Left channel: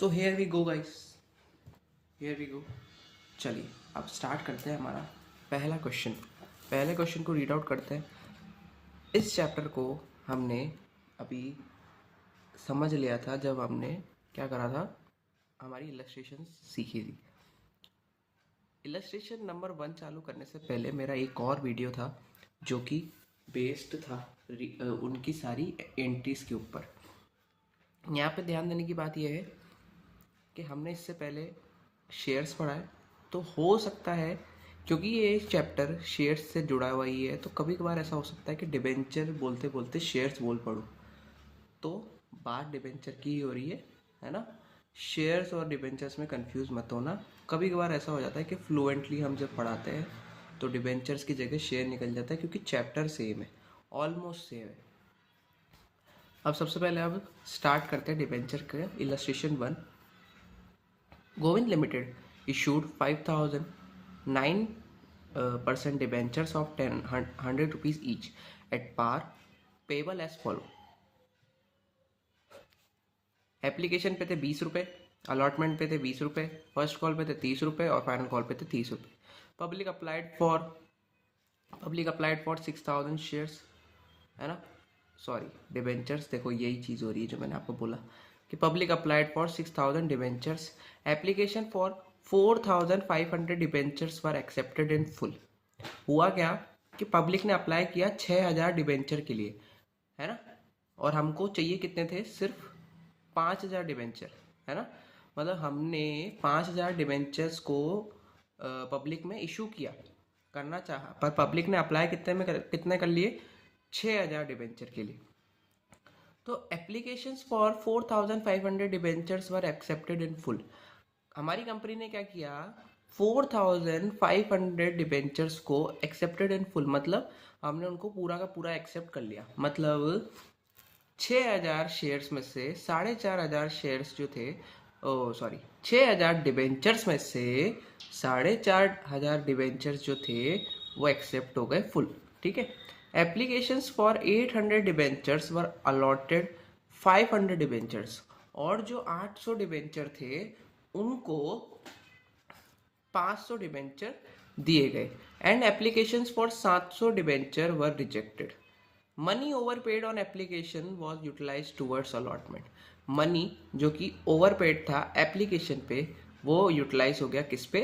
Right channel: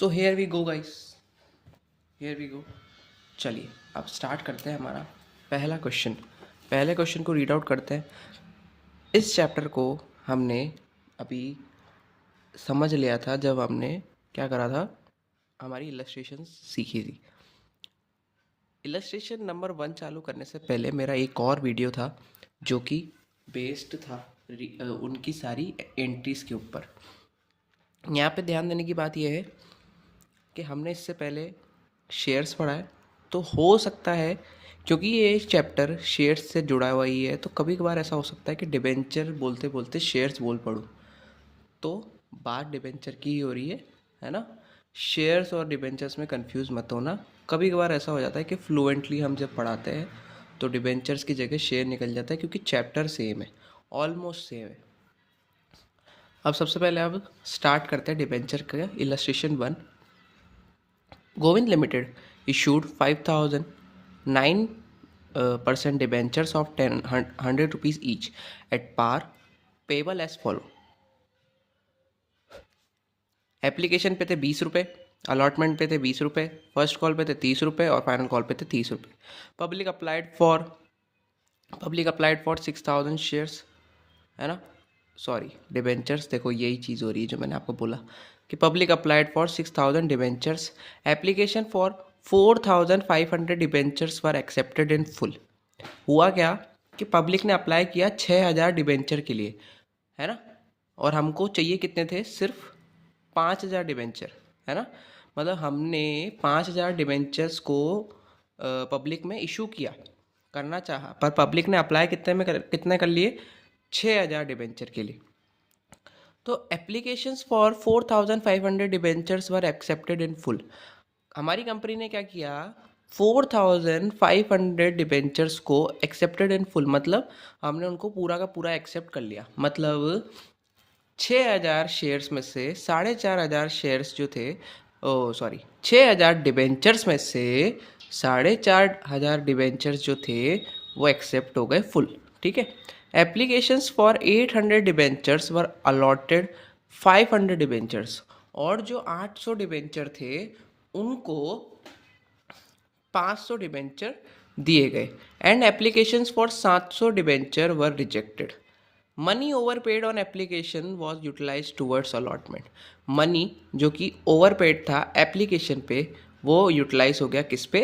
So here we go guys, here we go. चलिए अब start करते हैं हमारा पहला क्वेश्चन। पहले क्वेश्चन को रीड आउट करते हैं। इस चैप्टर को हमने अभी समझ लिया था जब हमने क्या करा था, हमारी इलस्ट्रेशन सीखी थी। इलस्ट्रेशन नंबर 1 चालू करने से पहले मेरा एक और वीडियो था जो कि बेस्ड था उनकी सारी एंट्रीज के ऊपर। यहाँ पे ध्यान देने की बात यह है कि हमने इससे पहले शेयर्स पढ़ा है, तो हो सकता है क्योंकि ये चैप्टर शेयर्स से जुड़ा हुआ ही है, तो कभी कभार ऐसा हो सकता है कि डिबेंचर बोलते बोलते शेयर्स बोल पड़ूँ। तो बात डिबेंचर की ही हो रही है ना। शेयर्स और डिबेंचर्स में कंफ्यूज मत होना। कभी कभार ऐसा हो जाता है कि फ्लुएंटली हम जब पढ़ाते हैं तो डिबेंचर्स की जगह शेयर निकल जाता है, क्योंकि चैप्टर सेम है, ऑलमोस्ट सेम है। अब सबसे पहले अब स्टार्ट करते हैं डिबेंचर का illustration 1। Govind Limited issued 5,009% debentures of 100 rupees each at par, payable as follow. Application पे थे 20 रुपये, अलॉटमेंट पे थे 20 रुपये, फर्स्ट कॉल पे थे 30 रुपये और फाइनल कॉल पे थे 30 रुपये। पब्लिक अप्लाइड फॉर 6,000 शेयर्स, है ना। सॉरी, डिबेंचर्स, देखो यही चीज़ हो रही है जो मैंने आपको बोला कि public applied for 6,000 debentures, application for 4,500 debentures were accepted in full. हुआ क्या कि पब्लिक ने अप्लाई किया 6,000 डिबेंचर के लिए, है ना, और हमको चाहिए कितने थे, सिर्फ 5,000 डिबेंचर, है ना। मतलब हमने 5,000 डिबेंचर्स को पब्लिक में इशू किया, करना चाहा, पर पब्लिक ने अप्लाई कितने कर लिए, 6,000 डिबेंचर के लिए। तो applications for 4,500 debentures were accepted in full. हमारी कंपनी ने क्या किया, 4,500 डिबेंचर्स को एक्सेप्टेड इन फुल, मतलब हमने उनको पूरा का पूरा एक्सेप्ट कर लिया। मतलब 6,000 शेयर्स में से 4,500 शेयर्स जो थे, ओ सॉरी, 6,000 डिबेंचर्स में से 4,500 डिबेंचर्स जो थे वो एक्सेप्ट हो गए फुल, ठीक है। Applications for 800 debentures were allotted 500 debentures, और जो 800 डिबेंचर थे उनको 500 डिबेंचर दिए गए। And applications for 700 debenture were rejected. Money over paid on application was utilize towards allotment. Money जो कि ओवर पेड था एप्लीकेशन पे, वो यूटिलाइज हो गया किस पे,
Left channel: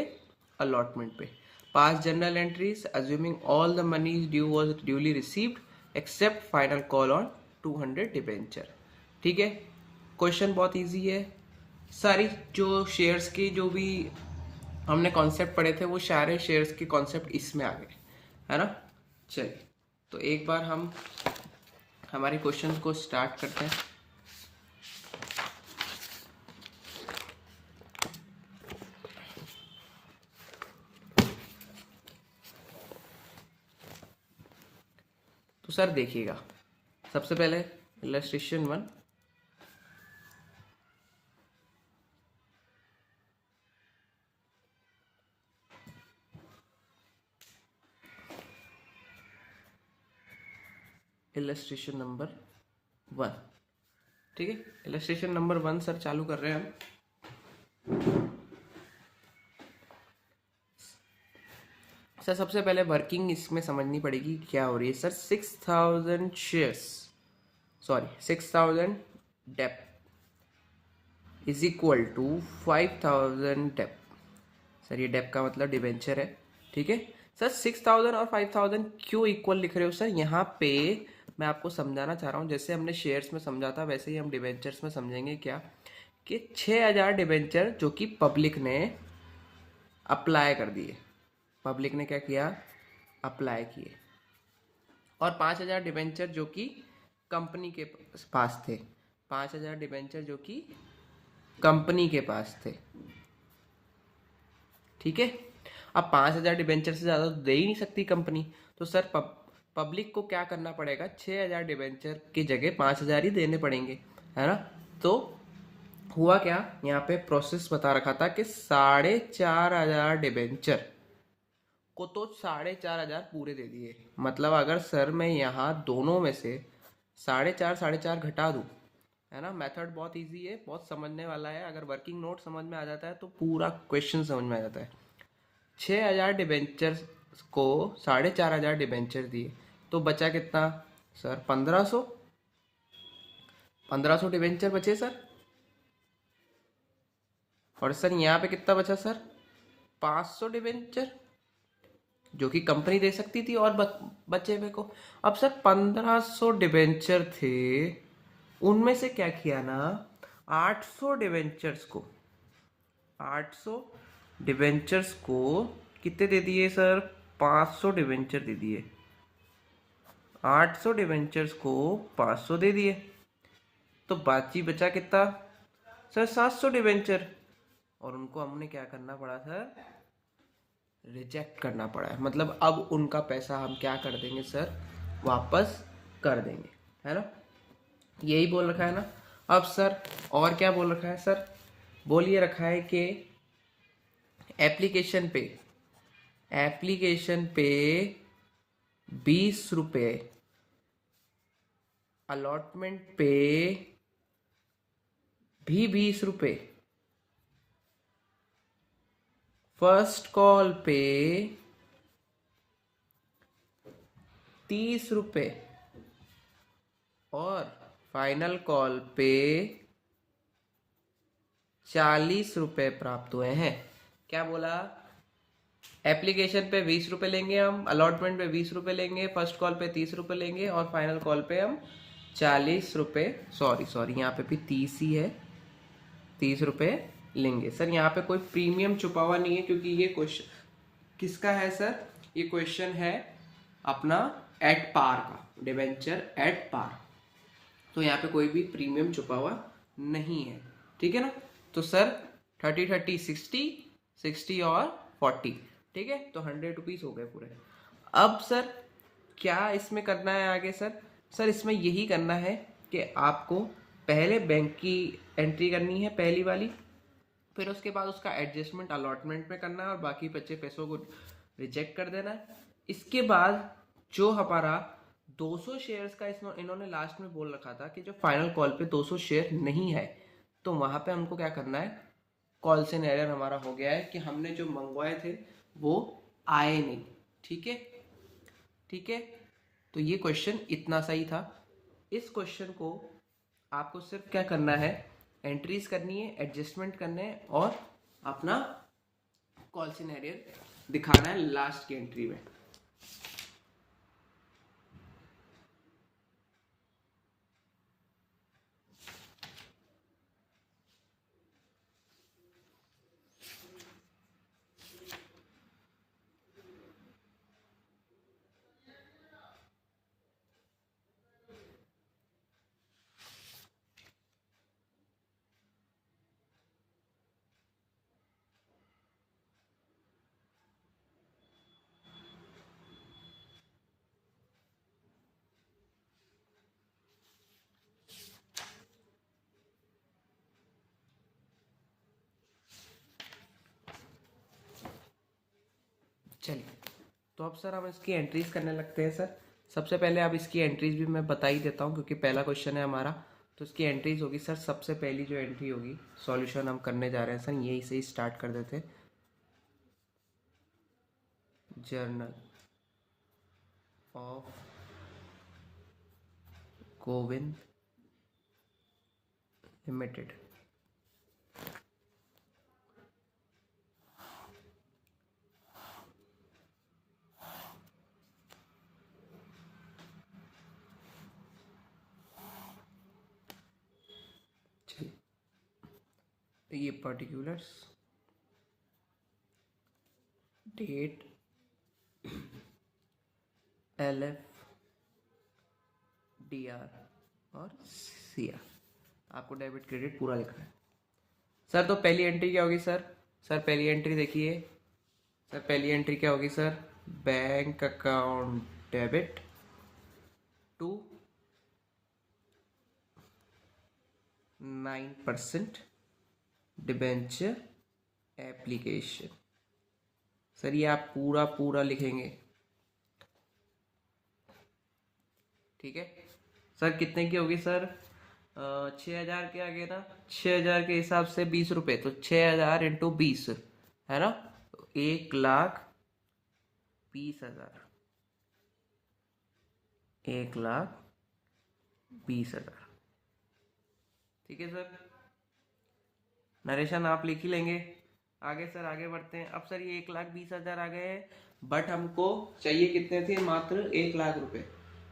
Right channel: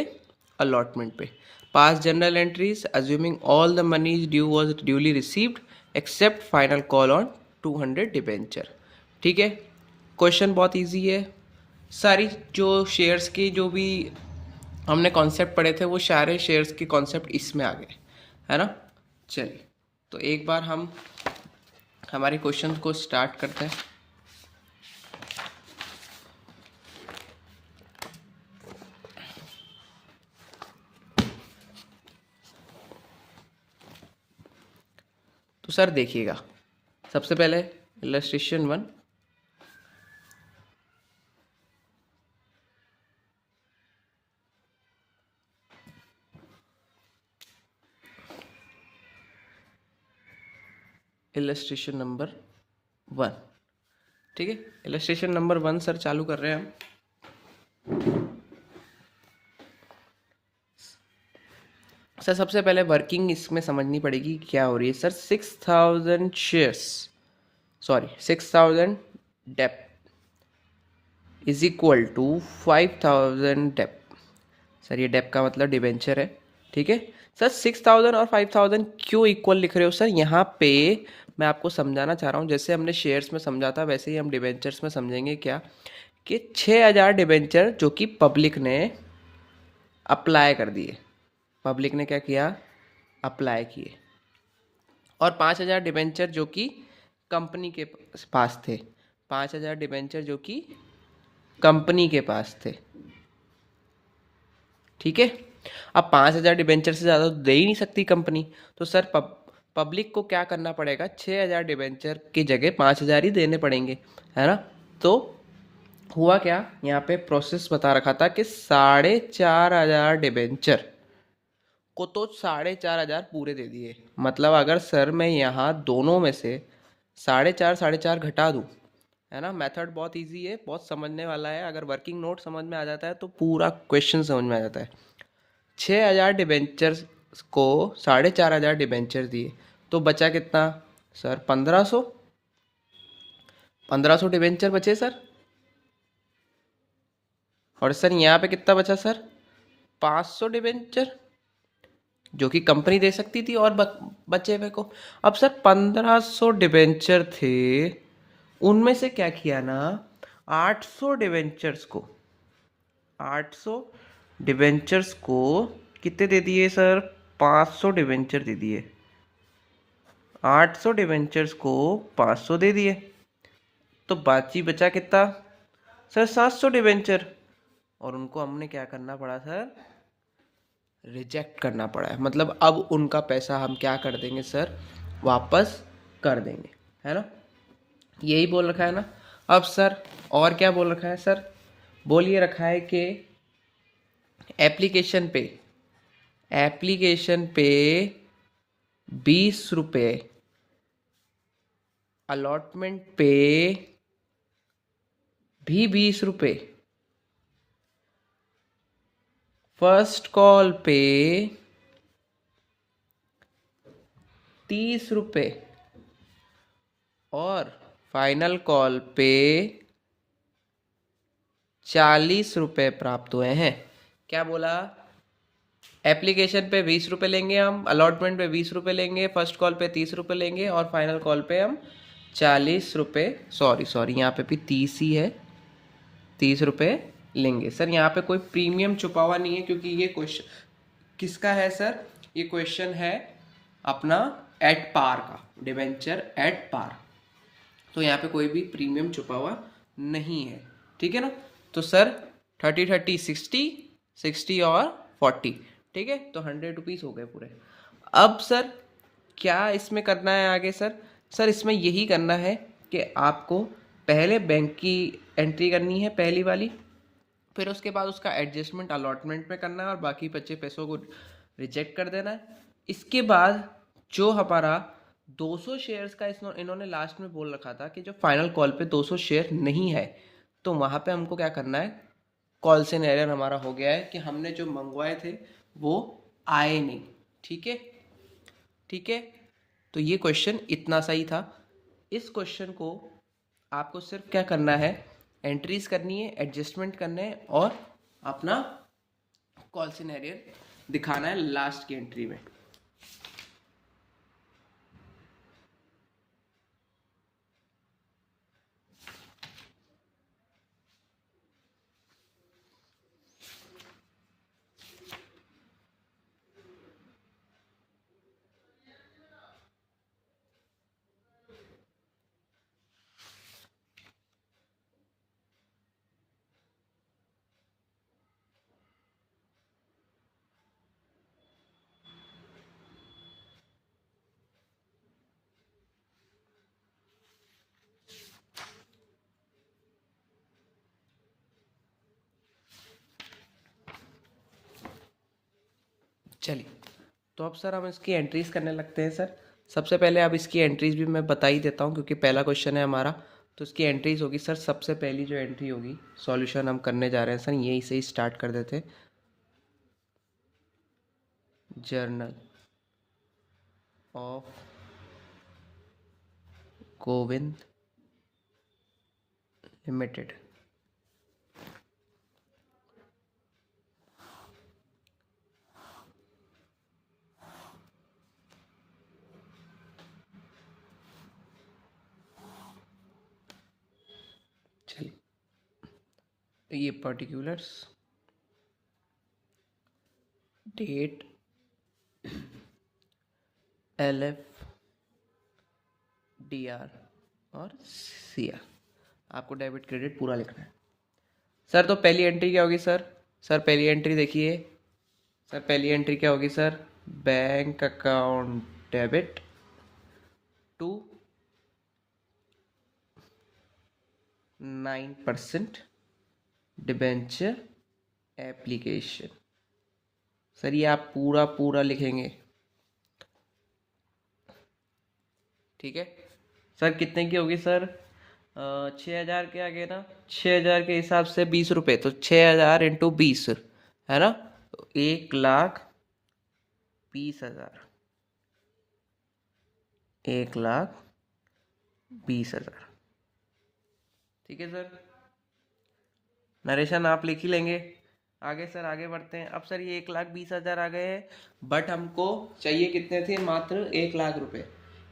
अलॉटमेंट पे। Pass general entries assuming all the money due was duly received except final call on 200 debenture, ठीक है। क्वेश्चन बहुत ईजी है। सारी जो शेयर्स की जो भी हमने कॉन्सेप्ट पढ़े थे वो सारे शेयर्स के कॉन्सेप्ट इसमें आ गए, है ना। चलिए तो एक बार हम हमारे क्वेश्चन को स्टार्ट करते हैं। तो सर देखिएगा, सबसे पहले इलस्ट्रेशन 1। इलस्ट्रेशन नंबर 1, ठीक है। इलस्ट्रेशन नंबर 1 सर चालू कर रहे हैं हम। सर सबसे पहले वर्किंग इसमें समझनी पड़ेगी क्या हो रही है। Sir 6,000 shares, sorry 6,000 deb is equal to 5,000 deb. Sir ये डेप का मतलब डिबेंचर है, ठीक है। सर 6,000 और 5,000 क्यों इक्वल लिख रहे हो सर। यहाँ पे मैं आपको समझाना चाह रहा हूँ, जैसे हमने शेयर्स में समझा था वैसे ही हम डिबेंचर्स में समझेंगे क्या, कि 6,000 डिबेंचर जो कि पब्लिक ने अप्लाई कर दिए, पब्लिक ने क्या किया, अप्लाई किए, और 5,000 डिबेंचर जो कि कंपनी के पास थे, 5,000 डिबेंचर जो कि कंपनी के पास थे, ठीक है। अब 5,000 डिबेंचर से ज़्यादा तो दे ही नहीं सकती कंपनी, तो सर पब्लिक को क्या करना पड़ेगा, 6,000 डिबेंचर की जगह 5,000 ही देने पड़ेंगे, है ना। तो हुआ क्या, यहाँ पे प्रोसेस बता रखा था कि 4,500 डिबेंचर को तो 4,500 पूरे दे दिए। मतलब अगर सर मैं यहाँ दोनों में से 4,500 घटा दूँ, है ना। मेथड बहुत इजी है, बहुत समझने वाला है। अगर वर्किंग नोट समझ में आ जाता है तो पूरा क्वेश्चन समझ में आ जाता है। 6,000 डिबेंचर्स को 4,500 डिबेंचर दिए तो बचा कितना सर? 1,500। 1,500 डिबेंचर बचे सर। और सर यहाँ पे कितना बचा सर? 500 डिबेंचर जो कि कंपनी दे सकती थी और बचे हुए को। अब सर 1,500 डिबेंचर थे, उनमें से क्या किया ना, 800 डिबेंचर्स को 800 डिबेंचर्स को कितने दे दिए सर? 500 डिबेंचर दे दिए। 800 डिबेंचर्स को 500 दे दिए तो बाकी बचा कितना सर? 700 डिबेंचर। और उनको हमने क्या करना पड़ा सर? रिजेक्ट करना पड़ा है। मतलब अब उनका पैसा हम क्या कर देंगे सर? वापस कर देंगे, है ना। यही बोल रखा है ना। अब सर और क्या बोल रखा है सर? बोल ये रखा है कि एप्लीकेशन पे 20 रुपये, अलॉटमेंट पे भी 20 रुपये, फर्स्ट कॉल पे 30 रुपये और फाइनल कॉल पे 40 रुपये प्राप्त हुए हैं। क्या बोला? एप्लीकेशन पे 20 रुपये लेंगे हम, अलॉटमेंट पे 20 रुपये लेंगे, फर्स्ट कॉल पे 30 रुपये लेंगे और फाइनल कॉल पे हम 40 रुपये, सॉरी यहाँ पे भी 30 ही है, 30 रुपये लेंगे। सर यहाँ पे कोई प्रीमियम छुपा हुआ नहीं है क्योंकि ये क्वेश्चन किसका है सर? ये क्वेश्चन है अपना एट पार का, डिबेंचर एट पार। तो यहाँ पे कोई भी प्रीमियम छुपा हुआ नहीं है, ठीक है ना। तो सर 30 30 60, 60 और 40, ठीक है। तो 100 रुपीज़ हो गए पूरे। अब सर क्या इसमें करना है आगे सर? सर इसमें यही करना है कि आपको पहले बैंक की एंट्री करनी है, पहली वाली, फिर उसके बाद उसका एडजस्टमेंट अलॉटमेंट में करना है और बाकी बचे पैसों को रिजेक्ट कर देना है। इसके बाद जो हमारा 200 शेयर्स का इन्होंने लास्ट में बोल रखा था कि जो फाइनल कॉल पे 200 शेयर नहीं है, तो वहाँ पे हमको क्या करना है? कॉल से एरर हमारा हो गया है कि हमने जो मंगवाए थे वो आए नहीं, ठीक है, ठीक है। तो ये क्वेश्चन इतना सही था। इस क्वेश्चन को आपको सिर्फ क्या करना है? एंट्रीज करनी है, एडजस्टमेंट करने हैं और अपना कॉल सिनेरियो दिखाना है लास्ट की एंट्री में। चलिए, तो अब सर हम इसकी एंट्रीज करने लगते हैं सर। सबसे पहले अब इसकी एंट्रीज भी मैं बता ही देता हूँ क्योंकि पहला क्वेश्चन है हमारा। तो इसकी एंट्रीज होगी सर, सबसे पहली जो एंट्री होगी, सॉल्यूशन हम करने जा रहे हैं सर, यहीं से ही स्टार्ट कर देते हैं। Journal of Govind limited. चलिए, तो ये पर्टिकुलर्स, डेट, LF, DR और CR। आपको डेबिट क्रेडिट पूरा लिखना है सर। तो पहली एंट्री क्या होगी सर? सर पहली एंट्री देखिए सर, पहली एंट्री क्या होगी sir? Bank account debit to 9% debenture application. Sir ये आप पूरा पूरा लिखेंगे, ठीक है। सर कितने की होगी सर? 6,000 के आगे ना, 6,000 के हिसाब से 20 रुपये, तो 6,000 इंटू 20 है ना, तो 1,20,000, 1,20,000। ठीक है सर, नरेशन आप लिख ही लेंगे। आगे सर, आगे बढ़ते हैं। अब सर ये 1,20,000 आ गए हैं, बट हमको चाहिए कितने थे, मात्र 1,00,000 रुपये।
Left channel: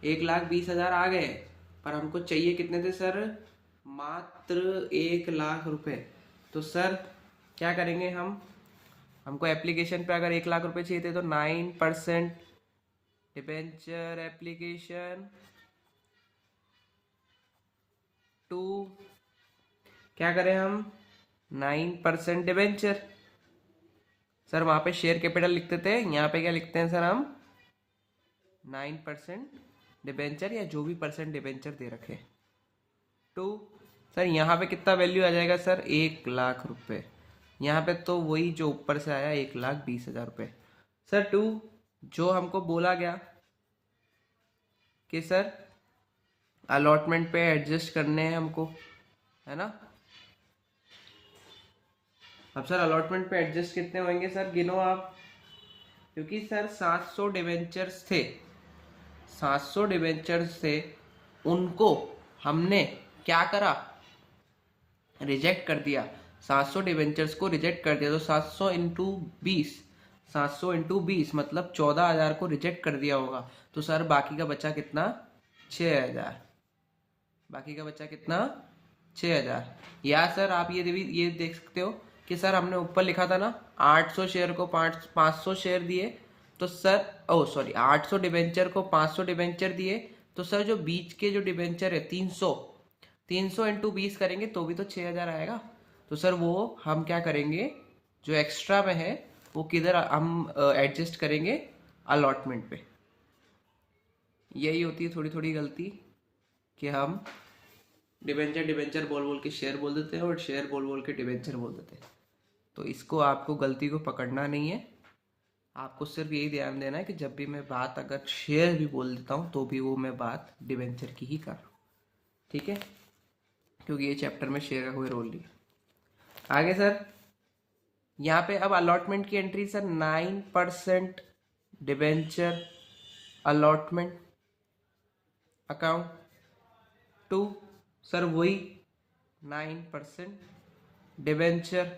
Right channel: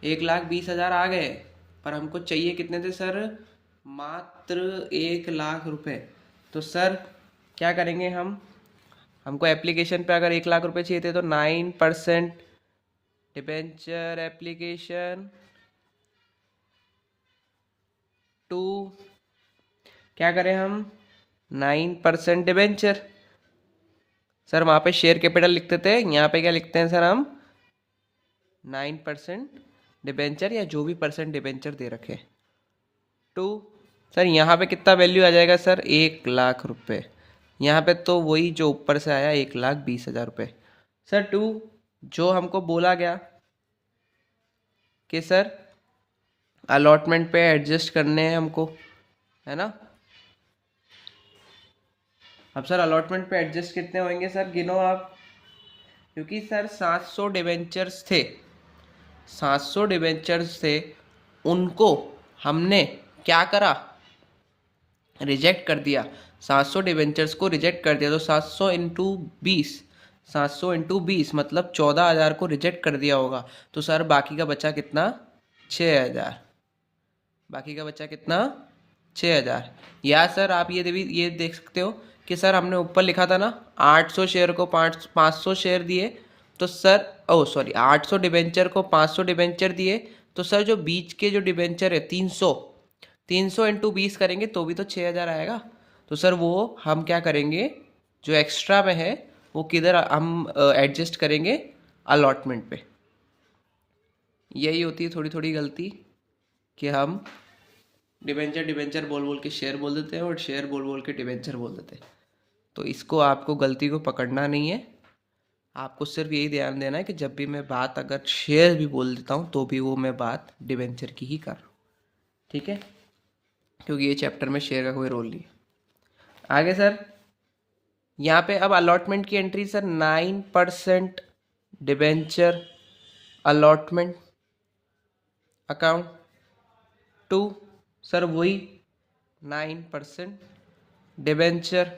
1,20,000 आ गए, पर हमको चाहिए कितने थे सर, मात्र 1,00,000 रुपये। तो सर क्या करेंगे हम, हमको एप्लीकेशन पे अगर 1,00,000 रुपये चाहिए थे, तो 9% डिबेंचर एप्लीकेशन टू, क्या करें हम, 9% डिबेंचर। सर वहाँ पे शेयर कैपिटल लिखते थे, यहाँ पे क्या लिखते हैं सर हम, 9% डिबेंचर, या जो भी परसेंट डिबेंचर दे रखे, टू। सर यहाँ पे कितना वैल्यू आ जाएगा सर, 1,00,000 रुपये। यहाँ पे तो वही जो ऊपर से आया, 1,20,000 रुपये। सर टू, जो हमको बोला गया कि सर अलॉटमेंट पे एडजस्ट करने हैं हमको, है ना। अब सर अलॉटमेंट पे एडजस्ट कितने होंगे सर, गिनो आप। क्योंकि सर 700 डिबेंचर्स थे, 700 डिबेंचर्स थे, उनको हमने क्या करा, रिजेक्ट कर दिया। 700 डिबेंचर्स को रिजेक्ट कर दिया, तो 700 इंटू 20, 700 इंटू 20 मतलब 14,000 को रिजेक्ट कर दिया होगा। तो सर बाकी का बचा कितना, 6,000। बाकी का बचा कितना, 6,000। या सर आप ये देख सकते हो कि सर हमने ऊपर लिखा था ना, 800 शेयर को 500 शेयर दिए, तो सर ओ सॉरी 800 डिबेंचर को 500 डिबेंचर दिए, तो सर जो बीच के जो डिबेंचर है 300, 300 इंटू 20 करेंगे तो भी तो 6,000 आएगा। तो सर वो हम क्या करेंगे, जो एक्स्ट्रा में है वो किधर हम एडजस्ट करेंगे, अलॉटमेंट पे। यही होती है थोड़ी थोड़ी गलती, कि हम डिबेंचर डिबेंचर बोल बोल के शेयर बोल देते हैं, और शेयर बोल बोल के डिबेंचर बोल देते हैं। तो इसको आपको गलती को पकड़ना नहीं है, आपको सिर्फ यही ध्यान देना है कि जब भी मैं बात अगर शेयर भी बोल देता हूँ, तो भी वो मैं बात डिबेंचर की ही कर रहा हूँ। ठीक है, क्योंकि ये चैप्टर में शेयर का कोई रोल नहीं है। आगे सर, यहाँ पे अब अलॉटमेंट की entry sir, 9% debenture allotment account to, sir वही 9% डिबेंचर।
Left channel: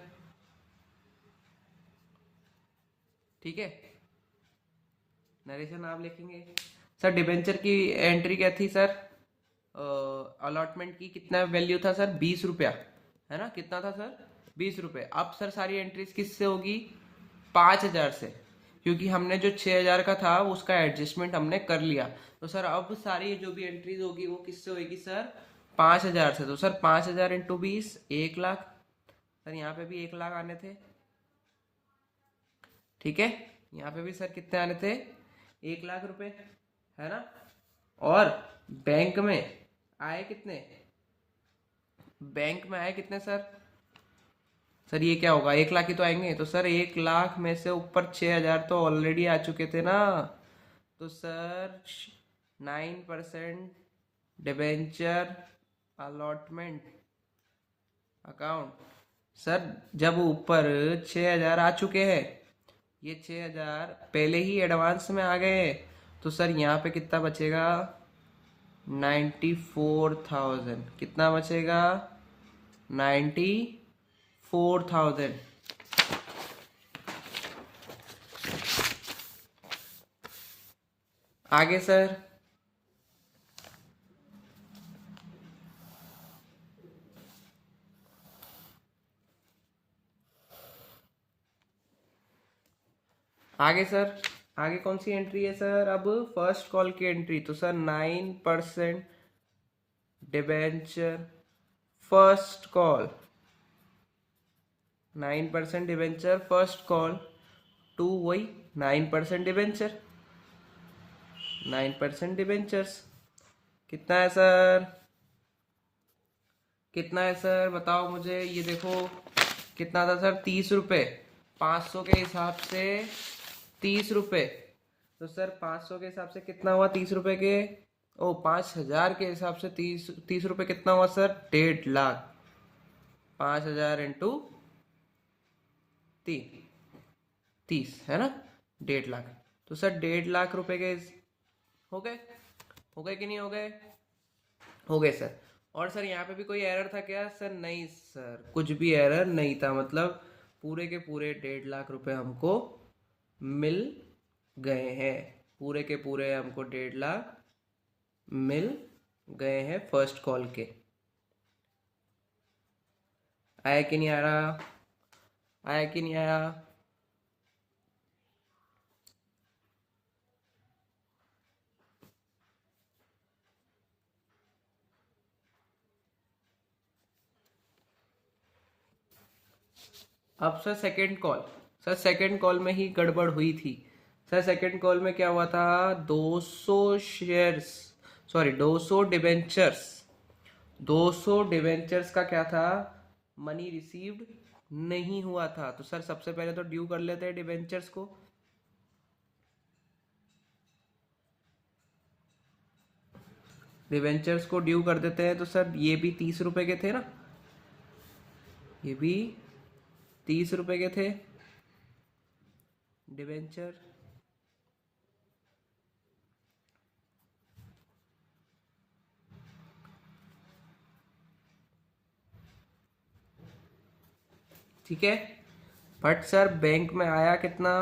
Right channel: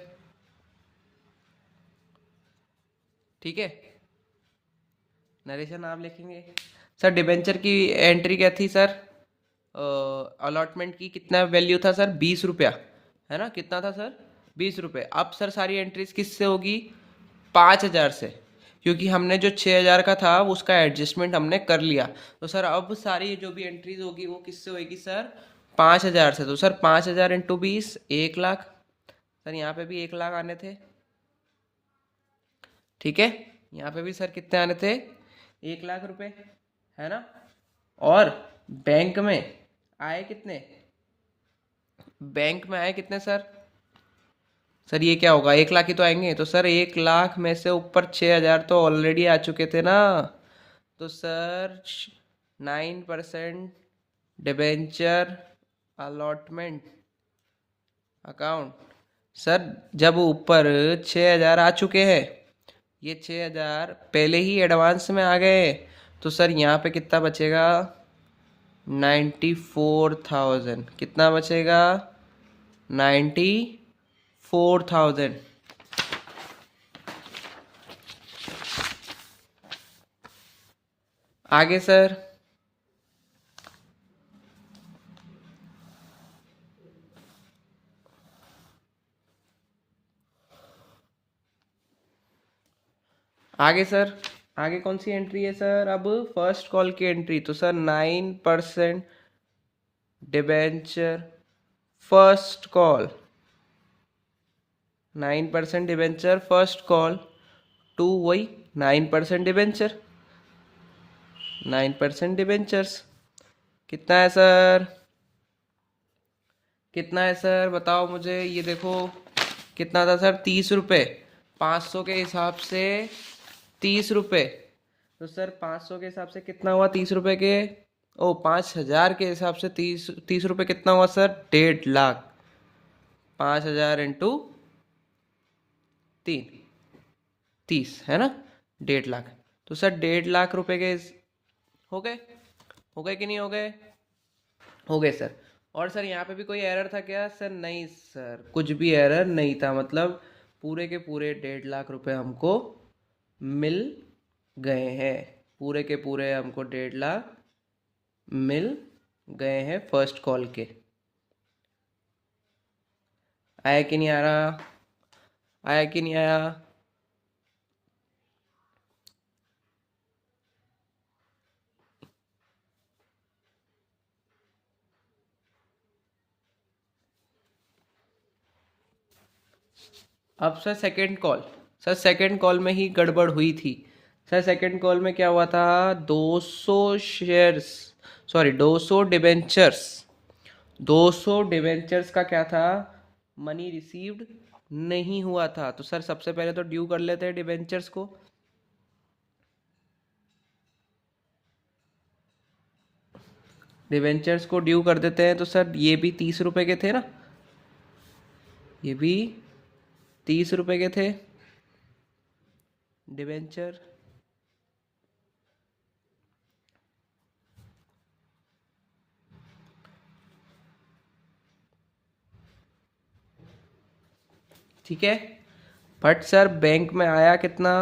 ठीक है, नरेशन आप लिखेंगे। सर डिबेंचर की एंट्री क्या थी सर, अलॉटमेंट की कितना वैल्यू था सर, 20 रुपया, है ना, कितना था सर, 20 रुपये। अब सर सारी एंट्रीज किससे होगी, 5,000 से, क्योंकि हमने जो 6,000 का था उसका एडजस्टमेंट हमने कर लिया। तो सर अब सारी जो भी एंट्रीज होगी वो किससे होगी सर, 5,000 से। तो सर 5,000 इंटू 20, 1,00,000। सर यहाँ पे भी 1,00,000 आने थे। ठीक है, यहाँ पे भी सर कितने आने थे, 1,00,000 रुपये, है ना। और बैंक में आए कितने, बैंक में आए कितने सर ये क्या होगा, 1,00,000 ही तो आएंगे। तो सर 1,00,000 में से ऊपर 6,000 तो ऑलरेडी आ चुके थे ना। तो sir 9% debenture allotment account, sir जब ऊपर 6,000 आ चुके हैं, ये 6,000 पहले ही एडवांस में आ गए, तो सर यहाँ पे कितना बचेगा, 94,000। कितना बचेगा, 94,000। आगे सर, आगे सर, आगे कौन सी एंट्री है सर, अब फर्स्ट कॉल की एंट्री। तो sir 9% debenture first call, 9% debenture first call to वही 9% डिबेंचर, 9% डिबेंचर्स। कितना है सर, कितना है सर बताओ मुझे, ये देखो कितना था सर, 30 रुपये। 500 के हिसाब से 30 रुपये, तो सर 500 के हिसाब से कितना हुआ, 30 रुपये के ओ 5,000 के हिसाब से 30 रुपये कितना हुआ सर? 1.5 लाख। 5,000 इंटू 3, 30 है ना, 1.5 लाख। तो सर 1.5 लाख रुपए के हो गए, हो गए कि नहीं हो गए? हो गए सर। और सर यहाँ पे भी कोई एरर था क्या सर? नहीं सर, कुछ भी एरर नहीं था, मतलब पूरे के पूरे 1.5 लाख रुपए हमको मिल गए हैं। पूरे के पूरे हमको 1.5 लाख मिल गए हैं फर्स्ट कॉल के। आया कि नहीं आ रहा? आया कि नहीं आया? अब sir second call, sir second call में ही गड़बड़ हुई थी। सर सेकंड कॉल में क्या हुआ था? 200 शेयर्स, सॉरी 200 डिबेंचर्स, 200 डिबेंचर्स का क्या था? मनी रिसीव्ड नहीं हुआ था। तो सर सबसे पहले तो ड्यू कर लेते हैं डिबेंचर्स को। डिबेंचर्स को ड्यू कर देते हैं। तो सर ये भी 30 रुपए के थे ना, ये भी 30 रुपए के थे डिबेंचर। ठीक है, बट सर बैंक में आया कितना?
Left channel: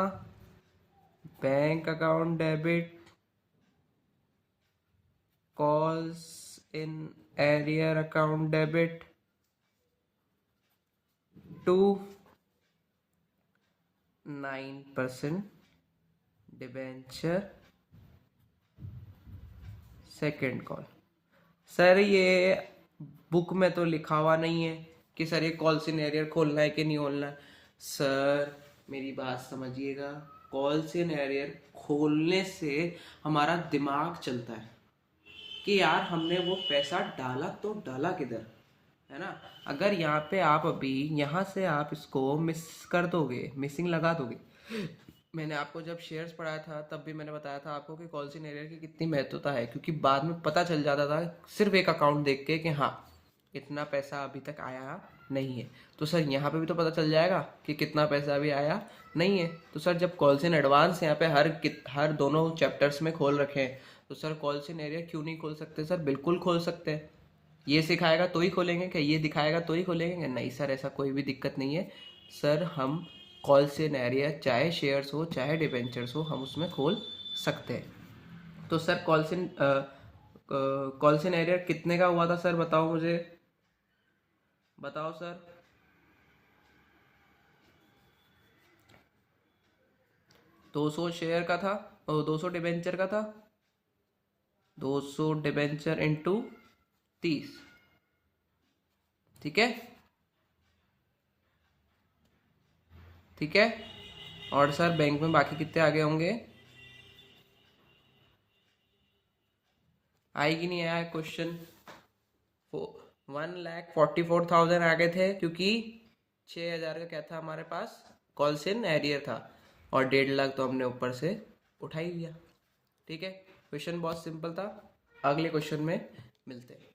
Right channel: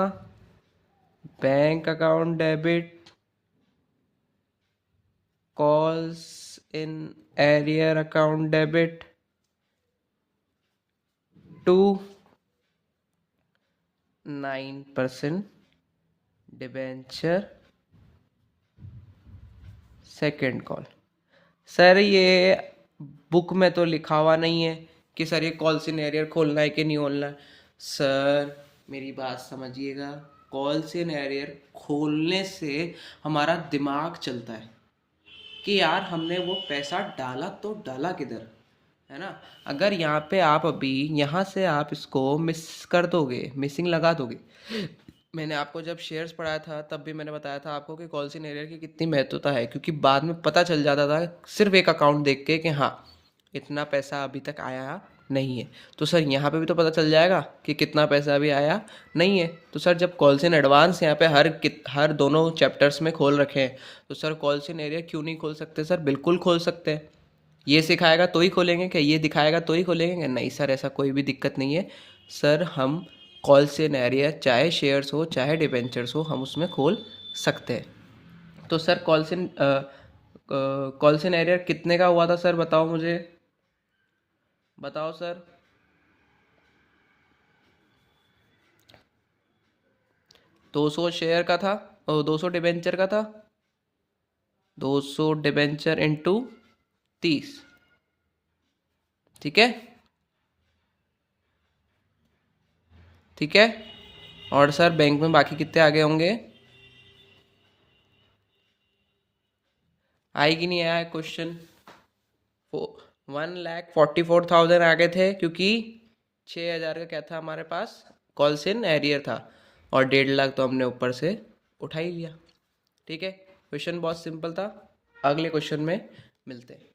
Bank account debit, calls in arrear account debit to 9% debenture second call. Sir ये बुक में तो लिखा हुआ नहीं है कि सर ये कॉल सिनेरियर खोलना है कि नहीं खोलना है। सर मेरी बात समझिएगा, कॉल सिनेरियर खोलने से हमारा दिमाग चलता है कि यार हमने वो पैसा डाला तो डाला किधर, है ना। अगर यहाँ पे आप अभी यहाँ से आप इसको मिस कर दोगे, मिसिंग लगा दोगे। मैंने आपको जब शेयर्स पढ़ाया था तब भी मैंने बताया था आपको कि कॉल सिनेरियर की कितनी महत्वता है, क्योंकि बाद में पता चल जाता था सिर्फ एक अकाउंट देख के कि हाँ इतना पैसा अभी तक आया नहीं है। तो सर यहाँ पे भी तो पता चल जाएगा कि कितना पैसा अभी आया नहीं है। तो सर जब कॉल्स इन एडवांस यहाँ पे हर दोनों चैप्टर्स में खोल रखे हैं, तो सर कॉल्स इन एरिया क्यों नहीं खोल सकते? सर बिल्कुल खोल सकते हैं। ये सिखाएगा तो ही खोलेंगे क्या? ये दिखाएगा तो ही खोलेंगे क्या? नहीं सर, ऐसा कोई भी दिक्कत नहीं है। सर हम कॉल्स इन एरिया चाहे शेयर्स हो चाहे डिबेंचर्स हो, हम उसमें खोल सकते हैं। तो सर कॉल्स इन एरिया कितने का हुआ था सर? बताओ मुझे, बताओ सर। 200 शेयर का था, 200 डिबेंचर का था। 200 डिबेंचर इंटू 30, ठीक है, ठीक है। और सर बैंक में बाकी कितने आगे होंगे? आए कि नहीं आया क्वेश्चन? 1,44,000 आगे थे, क्योंकि 6,000 का क्या था हमारे पास? कॉल्स इन एरियर था, और 1.5 लाख तो हमने ऊपर से उठा ही लिया। ठीक है, क्वेश्चन बहुत सिंपल था। अगले क्वेश्चन में मिलते हैं।